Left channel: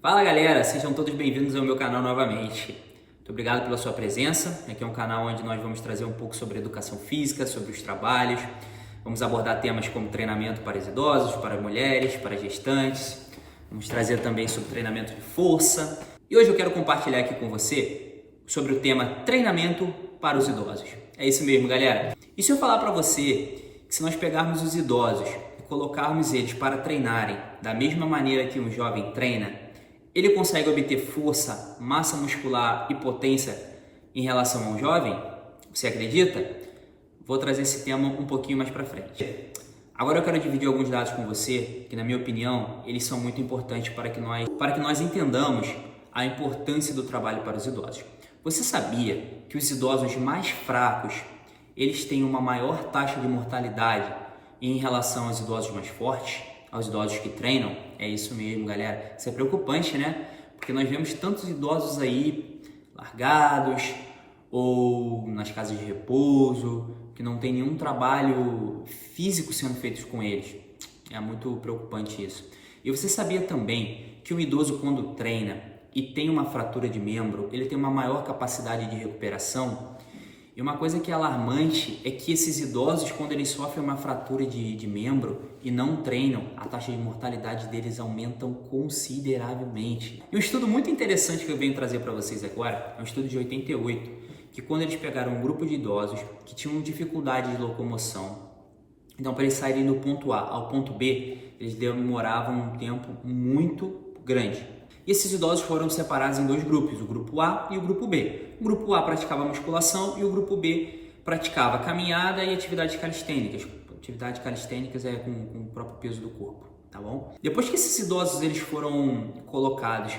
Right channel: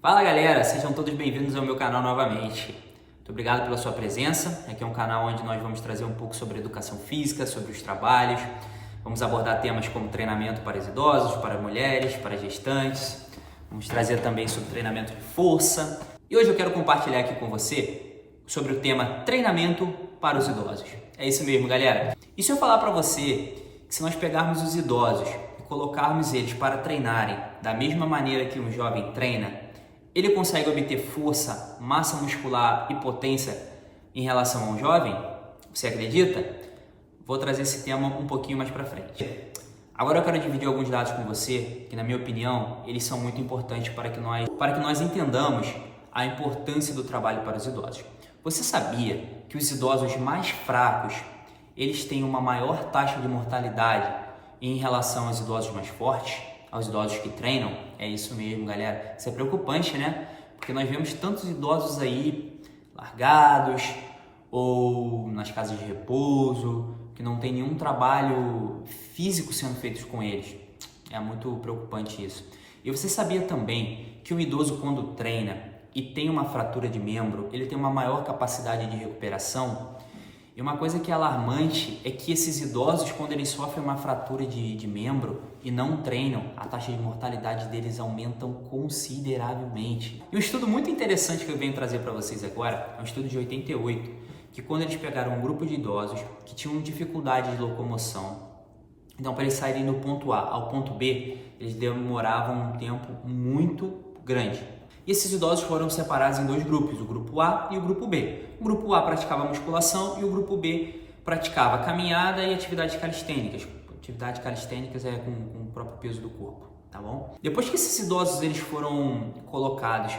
Fala galera, sejam todos bem-vindos ao meu canal novamente. Muito obrigado pela sua presença. Aqui é um canal onde nós vamos trazer um pouco sobre educação física, sobre os trabalhos. Vamos abordar temas como treinamento para os idosos, para mulheres, para gestantes. Vamos trazer também sobre treinamento de força. E hoje eu quero compartilhar aqui com você sobre o tema treinamento para os idosos. É isso mesmo, galera. E se eu falar para você que se nós pegarmos os idosos e colocarmos eles para treinarem da mesma maneira que um jovem treina, ele consegue obter força, massa muscular e potência em relação ao jovem? Você acredita? Vou trazer esse tema um pouquinho mais para frente. Agora eu quero dividir alguns dados com você que, na minha opinião, eles são muito importantes para que nós entendamos a importância do trabalho para os idosos. Você sabia que os idosos mais fracos, eles têm uma maior taxa de mortalidade em relação aos idosos mais fortes? Aos idosos que treinam? É isso mesmo, galera. Isso é preocupante, né? Porque nós vemos tantos idosos aí largados ou nas casas de repouso, que não tem nenhum trabalho físico sendo feito com eles. É muito preocupante isso. E você sabia também que um idoso, quando treina e tem uma fratura de membro, ele tem uma maior capacidade de recuperação? E uma coisa que é alarmante é que esses idosos, quando eles sofrem uma fratura de membro e não treinam, a taxa de mortalidade deles aumentam consideravelmente. E um estudo muito interessante que eu venho trazer para vocês agora é um estudo de 88, que quando eles pegaram um grupo de idosos que tinham dificuldade de locomoção, então para eles saírem do ponto A ao ponto B, eles demoravam um tempo muito grande. E esses idosos foram separados em dois grupos, o grupo A e o grupo B. O grupo A praticava musculação e o grupo B praticava caminhada e atividades calistênicas. Atividades calistênicas é com o próprio peso do corpo, tá bom? Depois que esses idosos eles foram colocados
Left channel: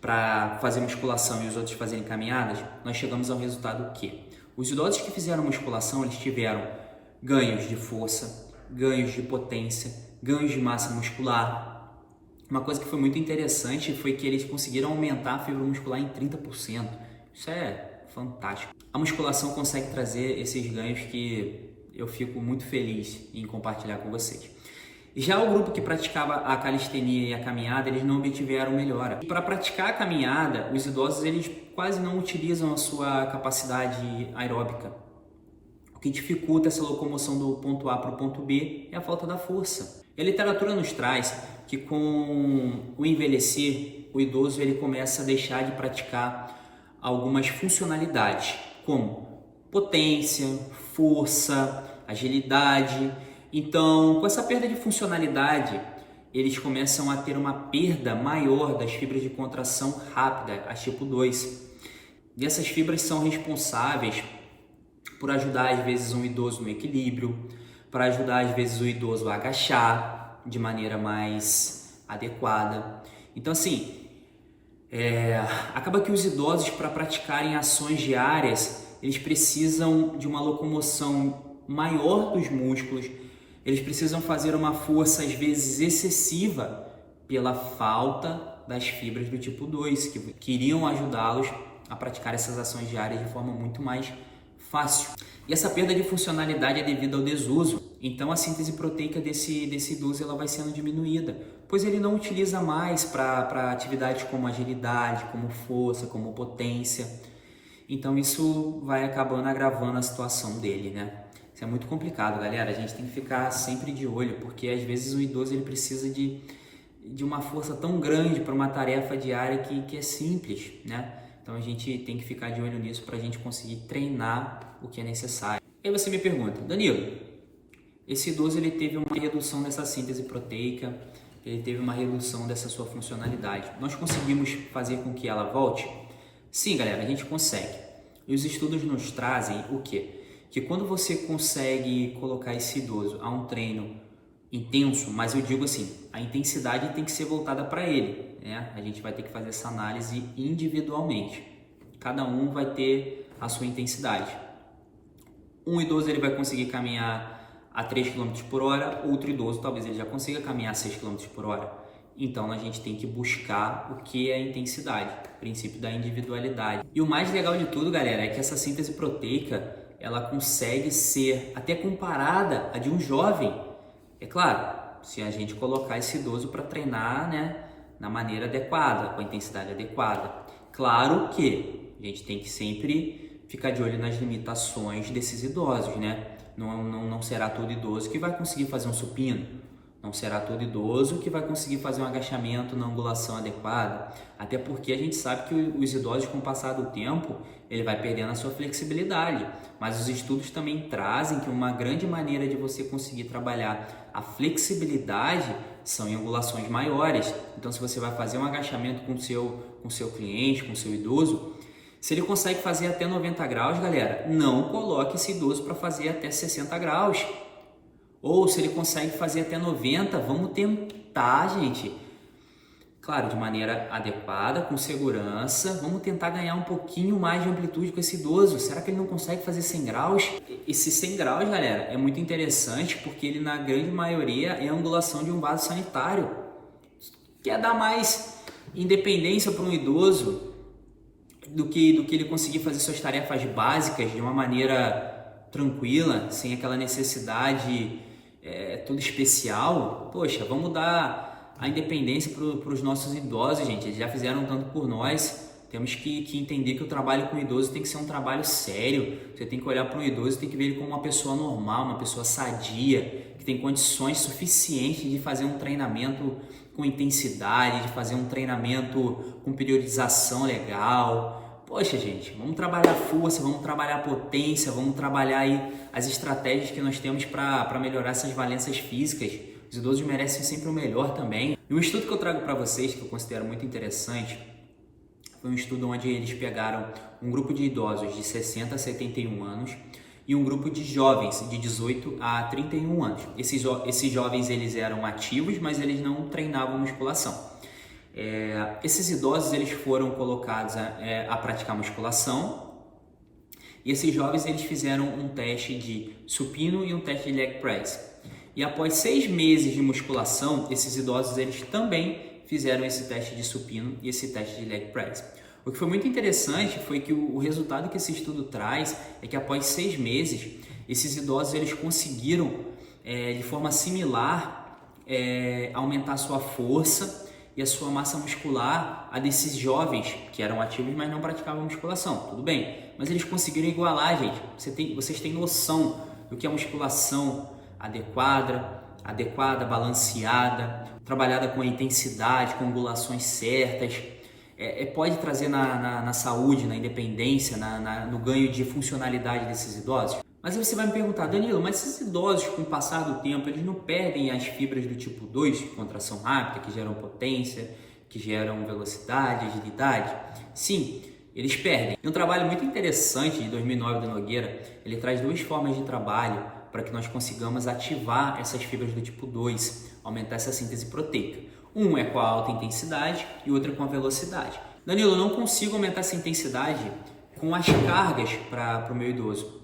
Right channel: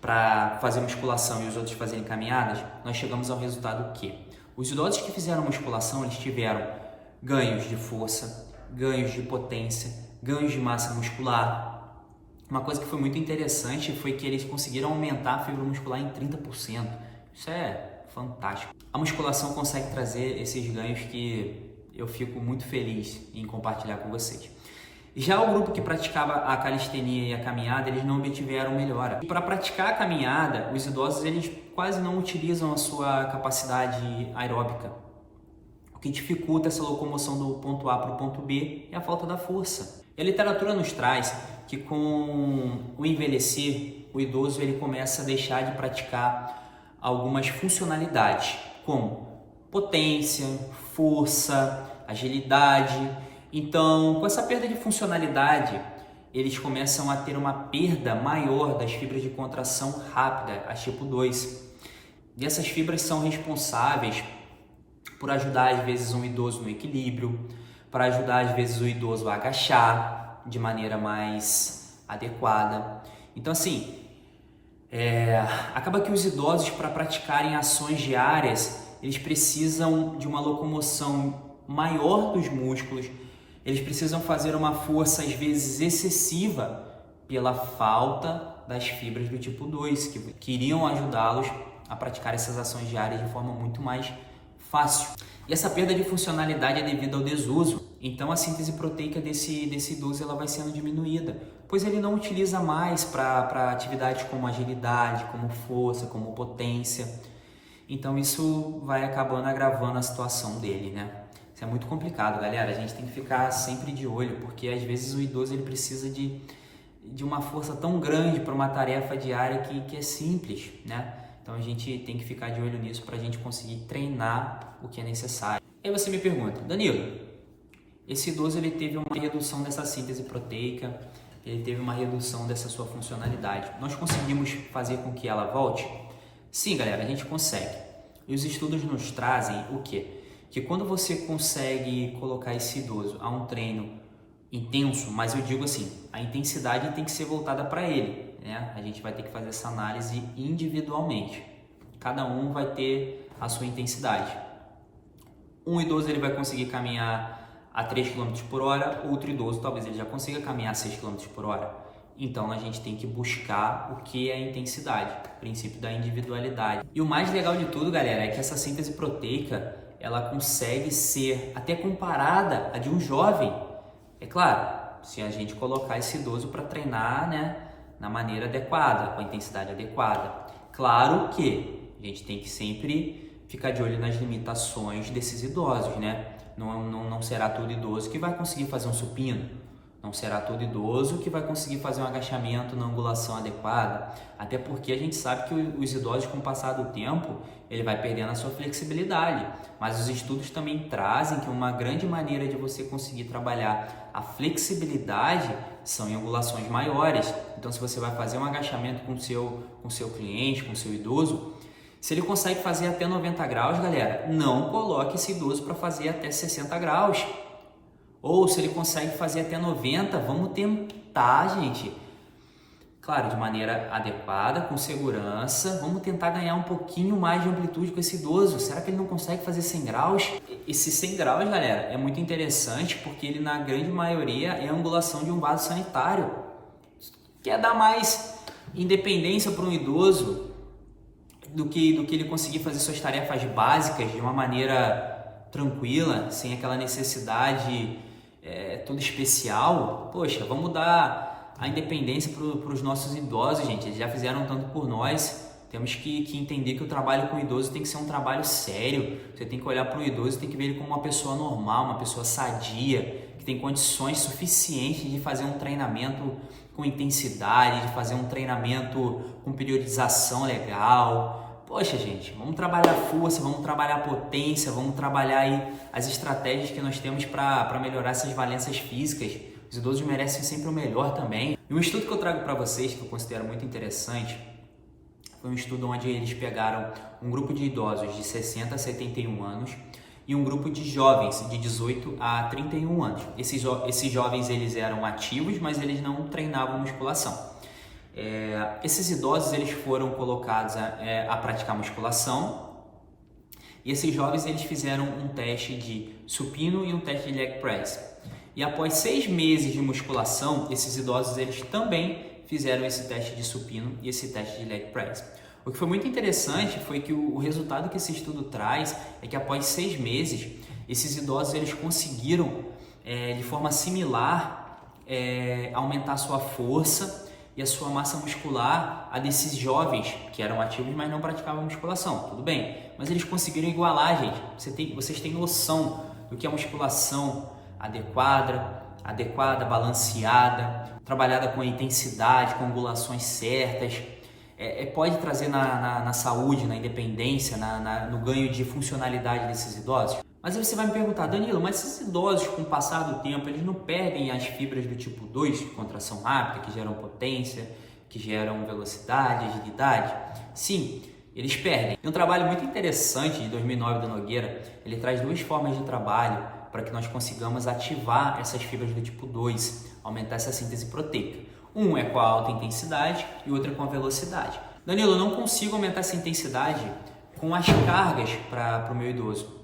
para fazer musculação e os outros fazerem caminhadas, nós chegamos ao resultado que os idosos que fizeram musculação, eles tiveram ganhos de força, ganhos de potência, ganhos de massa muscular. Uma coisa que foi muito interessante foi que eles conseguiram aumentar a fibra muscular em 30%. Isso é fantástico. A musculação consegue trazer esses ganhos que eu fico muito feliz em compartilhar com vocês. Já o grupo que praticava a calistenia e a caminhada, eles não obtiveram melhora. Para praticar a caminhada, os idosos eles quase não utilizam a sua capacidade aeróbica. O que dificulta essa locomoção do ponto A para o ponto B é a falta da força. A literatura nos traz que com o envelhecer, o idoso ele começa a deixar de praticar algumas funcionalidades, como potência, força, agilidade. Então, com essa perda de funcionalidade, eles começam a ter uma perda maior das fibras de contração rápida, a tipo 2. E essas fibras são responsáveis por ajudar, às vezes, um idoso no equilíbrio, para ajudar, às vezes, o idoso a agachar de maneira mais adequada. Então, assim, acaba que os idosos, para praticarem ações diárias, eles precisam de uma locomoção maior dos músculos, eles precisam fazer uma força, às vezes, excessiva pela falta das fibras do tipo 2, que iriam ajudá-los a praticar essas ações diárias de forma muito mais fácil. E essa perda de funcionalidade é devido ao desuso. Então a síntese proteica desse idoso ela vai sendo diminuída, pois ele não utiliza mais para atividades como agilidade, como força, como potência. Então isso vai acabando agravando a situação dele, né? Isso é muito complicado, galera. A gente tem que ficar sempre de olho, porque às vezes o idoso ele precisa de uma força tão grande para uma tarefa diária que é simples, né? Então a gente tem que ficar de olho nisso para a gente conseguir treinar o que é necessário. E aí você me pergunta, Danilo, esse idoso ele teve uma redução dessa síntese proteica, ele teve uma redução dessa sua funcionalidade. Nós conseguimos fazer com que ela volte? Sim, galera, a gente consegue. E os estudos nos trazem o quê? Que quando você consegue colocar esse idoso a um treino intenso, mas eu digo assim, a intensidade tem que ser voltada para ele, né? A gente vai ter que fazer essa análise individualmente. Cada um vai ter a sua intensidade. Um idoso ele vai conseguir caminhar a 3 km por hora, outro idoso talvez ele já consiga caminhar a 6 km por hora. Então a gente tem que buscar o que é a intensidade, o princípio da individualidade. E o mais legal de tudo, galera, é que essa síntese proteica ela consegue ser até comparada à de um jovem. É claro, se a gente colocar esse idoso para treinar, né, na maneira adequada, com a intensidade adequada. Claro que a gente tem que sempre ficar de olho nas limitações desses idosos, né? Não será todo idoso que vai conseguir fazer um supino, não será todo idoso que vai conseguir fazer um agachamento na angulação adequada, até porque a gente sabe que os idosos, com o passar do tempo, ele vai perdendo a sua flexibilidade, mas os estudos também trazem que uma grande maneira de você conseguir trabalhar a flexibilidade são em angulações maiores. Então, se você vai fazer um agachamento com o seu cliente, com o seu idoso, se ele consegue fazer até 90 graus, galera, não coloque esse idoso para fazer até 60 graus. Ou se ele consegue fazer até 90, vamos tentar, gente, claro, de maneira adequada, com segurança, vamos tentar ganhar um pouquinho mais de amplitude com esse idoso. Será que ele não consegue fazer 100 graus? Esse 100 graus, galera, é muito interessante porque ele, na grande maioria, é a angulação de um vaso sanitário. Quer dar mais independência para um idoso do que ele conseguir fazer suas tarefas básicas de uma maneira tranquila, sem aquela necessidade toda especial. Poxa, vamos dar a independência para os nossos idosos, gente. Eles já fizeram tanto por nós. Temos que entender que o trabalho com o idoso tem que ser um trabalho sério. Você tem que olhar para um idoso e tem que ver ele como uma pessoa normal, uma pessoa sadia, que tem condições suficientes de fazer um treinamento com intensidade, de fazer um treinamento com periodização legal. Poxa, gente, vamos trabalhar força, vamos trabalhar potência, vamos trabalhar aí as estratégias que nós temos para melhorar essas valências físicas. Os idosos merecem sempre o melhor também. E um estudo que eu trago para vocês, que eu considero muito interessante, foi um estudo onde eles pegaram um grupo de idosos de 60 a 71 anos e um grupo de jovens de 18 a 31 anos. Esses jovens, eles eram ativos, mas eles não treinavam musculação. Esses idosos, eles foram colocados a praticar musculação, e esses jovens, eles fizeram um teste de supino e um teste de leg press. E após 6 meses de musculação, esses idosos, eles também fizeram esse teste de supino e esse teste de leg press. O que foi muito interessante foi que o resultado que esse estudo traz é que após 6 meses, esses idosos, eles conseguiram, de forma similar, aumentar a sua força e a sua massa muscular a desses jovens que eram ativos, mas não praticavam musculação. Tudo bem, mas eles conseguiram igualar, gente. Vocês têm noção do que é musculação adequada, balanceada, trabalhada com a intensidade, com angulações certas. Pode trazer na saúde, na independência, no ganho de funcionalidade desses idosos. Mas aí você vai me perguntar, Danilo, mas esses idosos, com o passar do tempo, eles não perdem as fibras do tipo 2, de contração rápida, que geram potência, que geram velocidade, agilidade? Sim, eles perdem. E um trabalho muito interessante de 2009 do Nogueira, ele traz 2 formas de trabalho para que nós consigamos ativar essas fibras do tipo 2, aumentar essa síntese proteica. Um é com a alta intensidade e o outro é com a velocidade. Danilo, eu não consigo aumentar essa intensidade com as cargas para o meu idoso.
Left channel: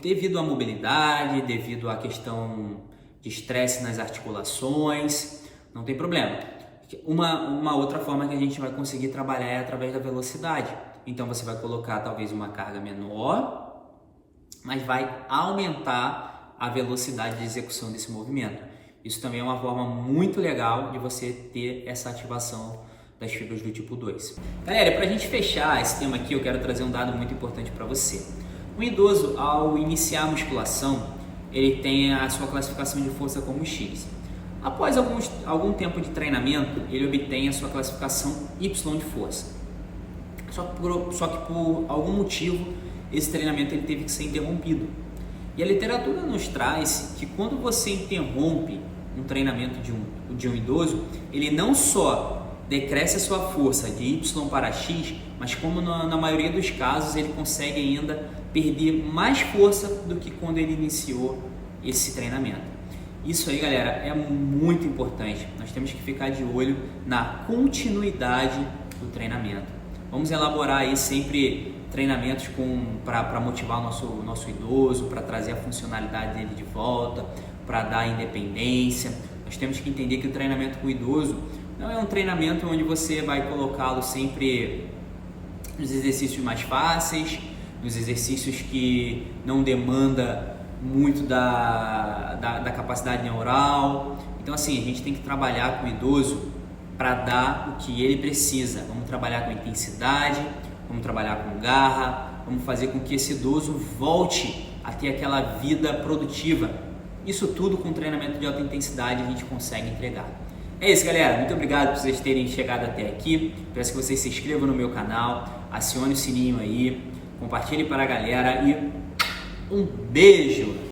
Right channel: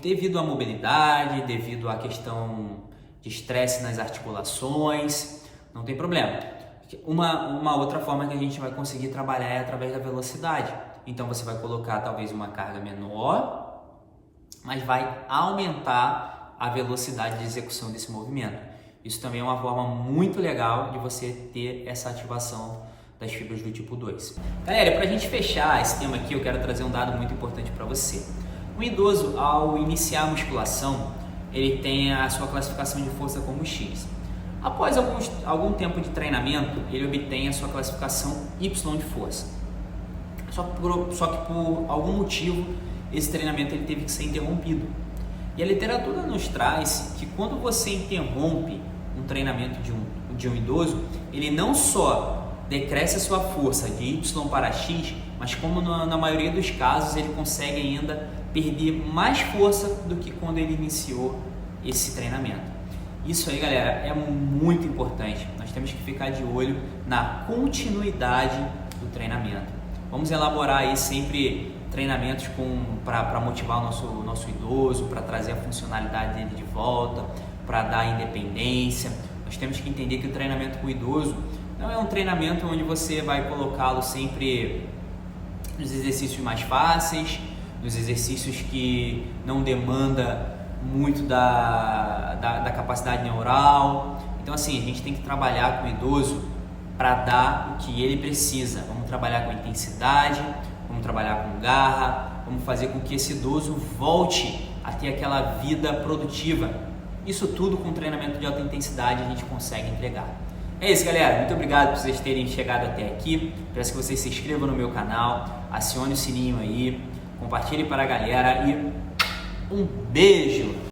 Devido à mobilidade, devido à questão de estresse nas articulações, não tem problema. Uma outra forma que a gente vai conseguir trabalhar é através da velocidade. Então você vai colocar talvez uma carga menor, mas vai aumentar a velocidade de execução desse movimento. Isso também é uma forma muito legal de você ter essa ativação das fibras do tipo 2. Galera, para a gente fechar esse tema aqui, eu quero trazer um dado muito importante para você. O idoso, ao iniciar a musculação, ele tem a sua classificação de força como X. Após algum tempo de treinamento, ele obtém a sua classificação Y de força. Só que por algum motivo, esse treinamento ele teve que ser interrompido. E a literatura nos traz que quando você interrompe um treinamento de um idoso, ele não só decresce a sua força de Y para X, mas como na maioria dos casos ele consegue ainda perder mais força do que quando ele iniciou esse treinamento. Isso aí, galera, é muito importante. Nós temos que ficar de olho na continuidade do treinamento. Vamos elaborar aí sempre treinamentos para motivar o nosso idoso, para trazer a funcionalidade dele de volta, para dar independência. Nós temos que entender que o treinamento com o idoso não é um treinamento onde você vai colocá-lo sempre nos exercícios mais fáceis, nos exercícios que não demanda muito da capacidade neural. Então assim, a gente tem que trabalhar com o idoso para dar o que ele precisa. Vamos trabalhar com intensidade, vamos trabalhar com garra, vamos fazer com que esse idoso volte a ter aquela vida produtiva. Isso tudo com treinamento de alta intensidade a gente consegue entregar. É isso, galera. Muito obrigado por vocês terem chegado até aqui. Peço que vocês se inscrevam no meu canal, acione o sininho aí, compartilhe para a galera e um beijo!